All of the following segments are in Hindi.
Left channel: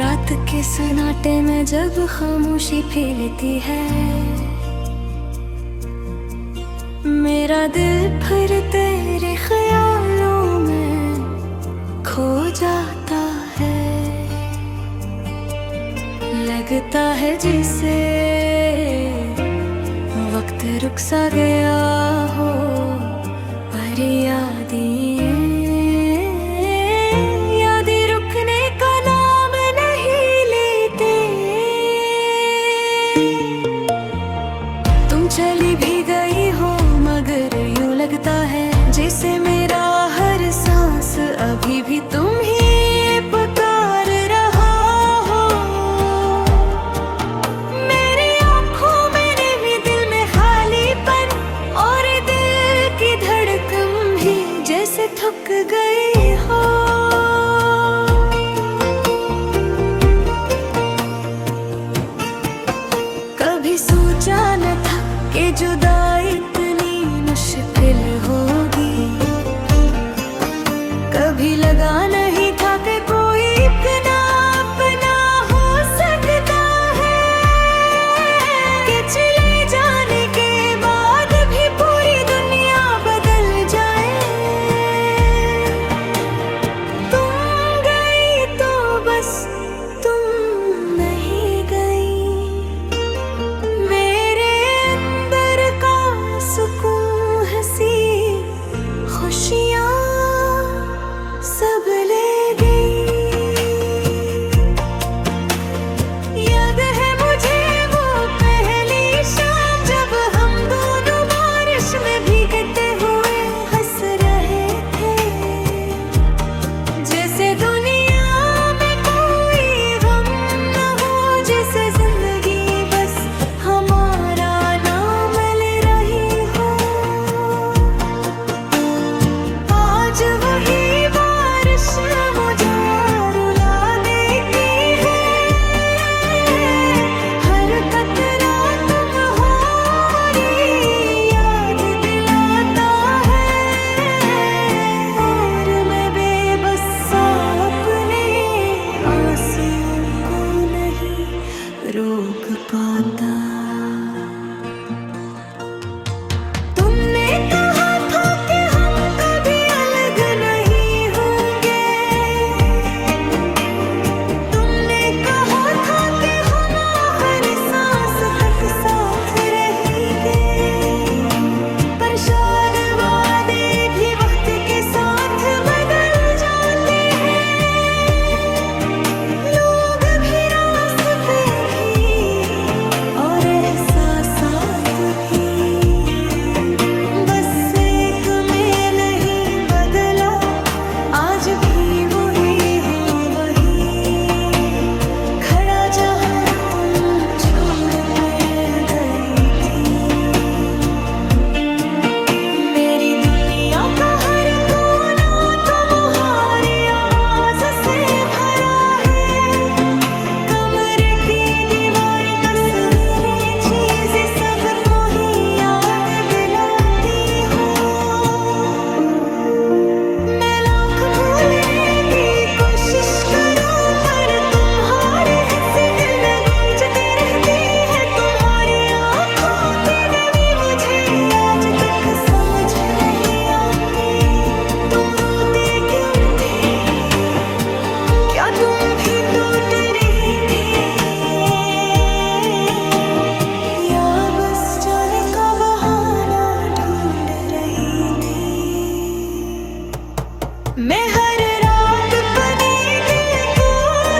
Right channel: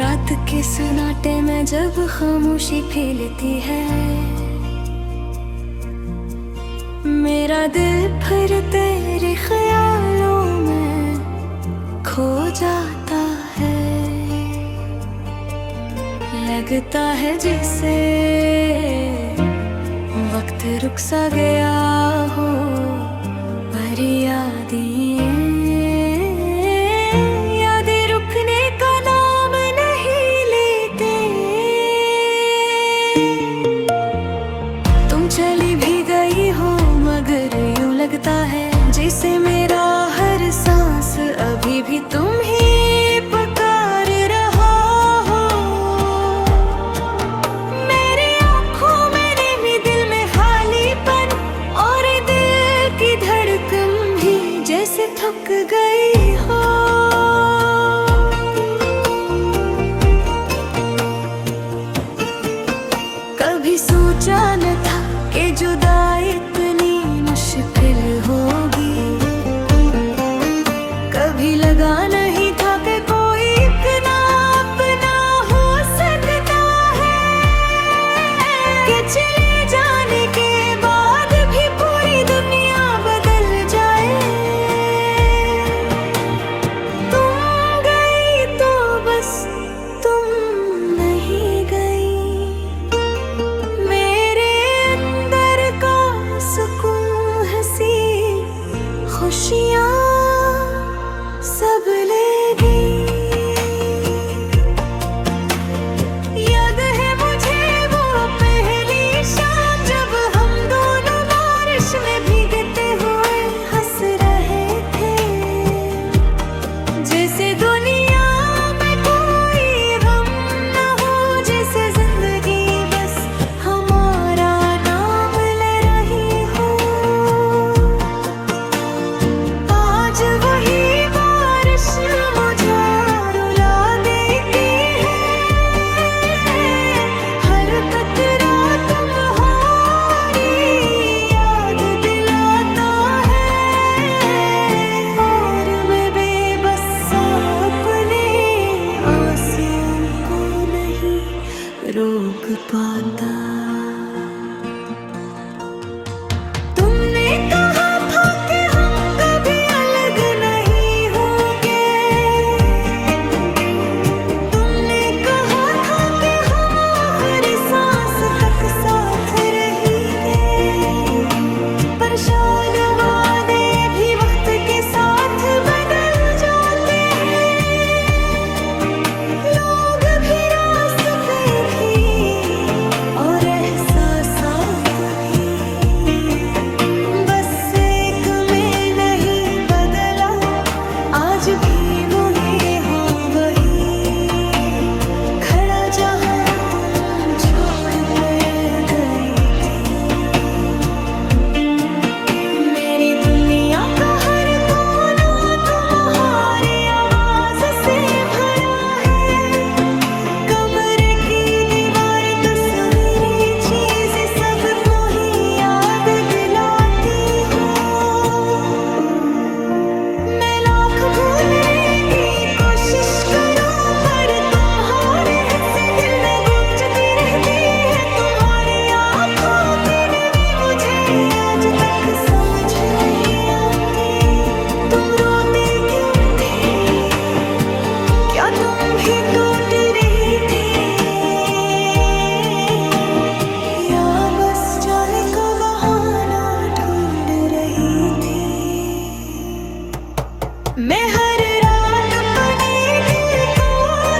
रात के सन्नाटे में जब खामोशी फैलती है, मेरा दिल फिर तेरे ख्यालों में खो जाता है। लगता है जिसे वक्त रुक सा गया हो, पर यादें रुकने का नाम नहीं लेते। तुम चली भी गई हो मगर यूं लगता है जैसे मेरा हर सांस अभी भी तुम ही पुकार रहा हो। मेरी आँखों में नेमी, दिल में खालीपन, और दिल की धड़कन भी जैसे थक गई हो। कभी सोचा न था कि जुदाई इतनी मुश्किल होगी, कभी लगा नहीं था कि कोई इतना अपना हो सकता है, कि चले जाने के बाद भी पूरी दुनिया बदल जाए। तुम गई तो बस तुम नहीं गई, मेरे अंदर का सुकून, हंसी खुशियाँ सब ले गई। याद है मुझे वो पहली शाम जब हम दोनों बारिश में भीगते हुए हंस रहे थे, जैसे दुनिया में कोई गम न हो, जैसे जिंदगी बस हमारा नाम ले रही हो। आज वही मुझे रुला देती है, हर कतरा तुम्हारी याद दिलाता है, और मैं बेबस अपने आंसुओं को नहीं रोक पाता। साथ रहेंगे, पर शायद वादे भी वक्त के साथ बदल जाते हैं। लोग भी, रास्ते भी, और एहसासात भी, बस एक में नहीं बदला, आज भी वही हो, वही खड़ा जहाँ तुम छोड़ कर गई थी। मेरी दुनिया का हर कोना तुम्हारी आवाज से भरा है, कमरे की दीवारें, तस्वीरें, चीजें सब तुम्हें याद दिलाती हो। मैं लाख भूलने की कोशिश करूं, पर तुम्हारे हंसी दिल में गूंजती रहती है। तुम्हारी आँखों की गमी मुझे आज तक समझ नहीं आती। तुम रोती क्यों थी? क्या तुम भी टूट रही थी, या बस जाने का बहाना ढूंढ रही थी? मैं हर रात अपने दिल को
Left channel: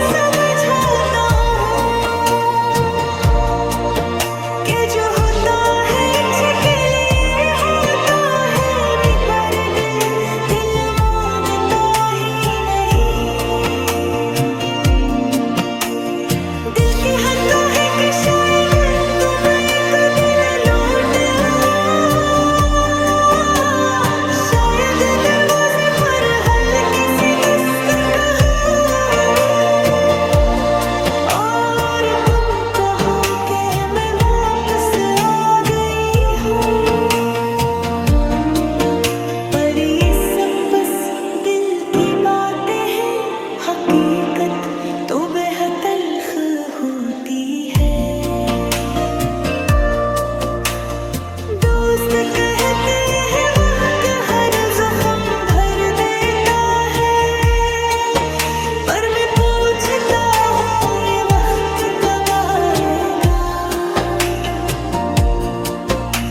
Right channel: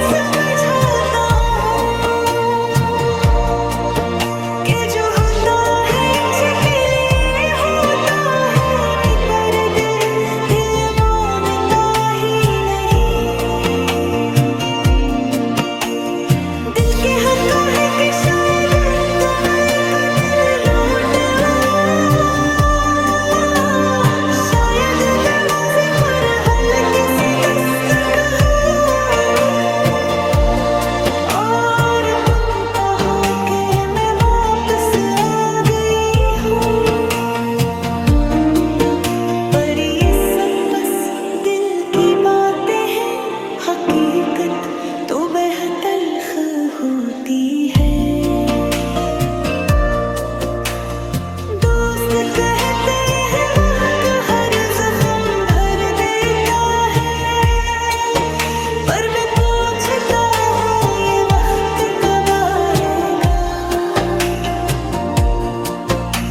समझाता हूँ कि जो होता है इच्छा के लिए होता है, मगर दिल मानता ही नहीं। हकीकत तो बेहद तल्ख होती है। दोस्त कहते हैं वक्त हर जख्म भर देता है, पर मैं पूछता हूँ ये वक्त कब आएगा।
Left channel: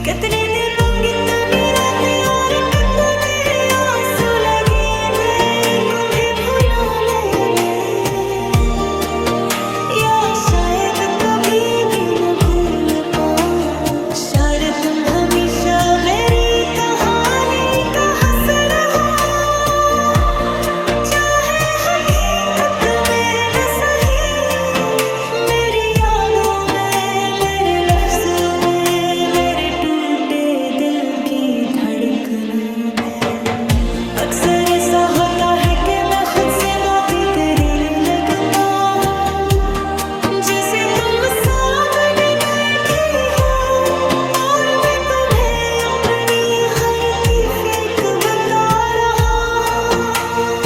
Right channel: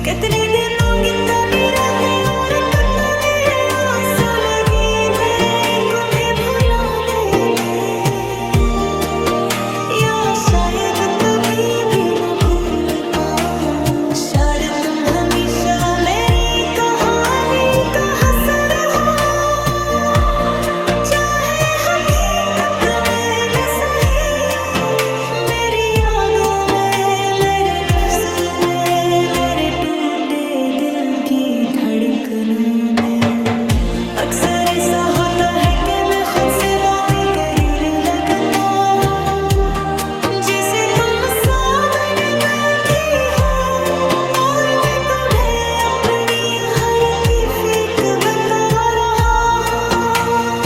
कितने दिन होंगे तनी रातें और कितने आंसू लगे हैं तुम्हें भुलाने में, या शायद कभी भी न भूल पाऊं। शायद तुम हमेशा मेरी कहानी का हंस रहो, चाहे हकीकत में न सही। मेरी यादों में, मेरे लफ्जों में, मेरे टूटे दिल की धड़कनों में। अक्सर ऐसा होता है कि मैं खुद से बातें करने लगता हूँ, जैसे तुम सामने बैठी हो और मैं तुम्हें अपनी हर कैफियत बता रहा हूँ।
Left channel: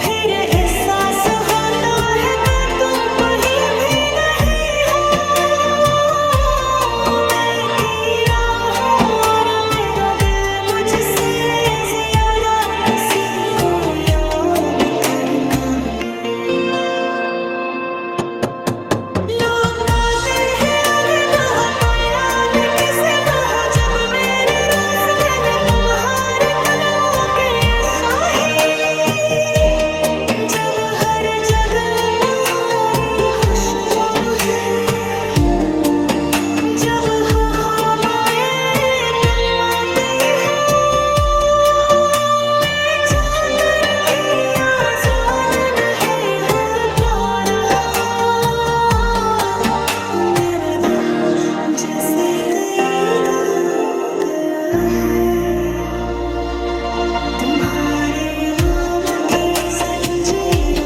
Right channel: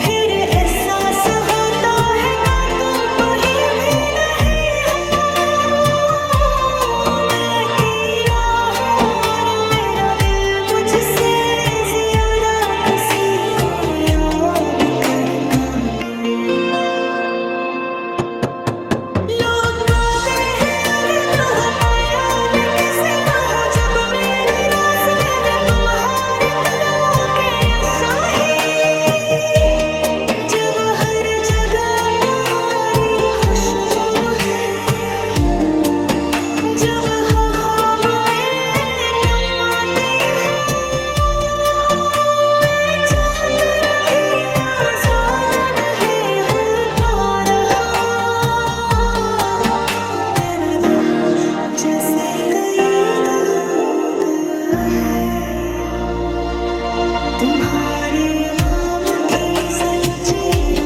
फिर एहसास होता है कि तुम कहीं भी नहीं हो। मैं अकेला हूँ और मेरा दिल मुझसे ज्यादा किसी को याद करता है। लोग कहते हैं आगे बढ़ो, पाए आगे कैसे बढ़ो, जब मेरे रास्ते में तुम्हारे कदमों के आशाही। जब हर जगह तुम्हारी खुशबू है, जब हो ख्वाब में तुम आती हो, मैं चाहकर भी आजाद नहीं हो पा रहा। मेरा दिल जैसे कैद हो गया है तुम्हारे नाम की जंजीरों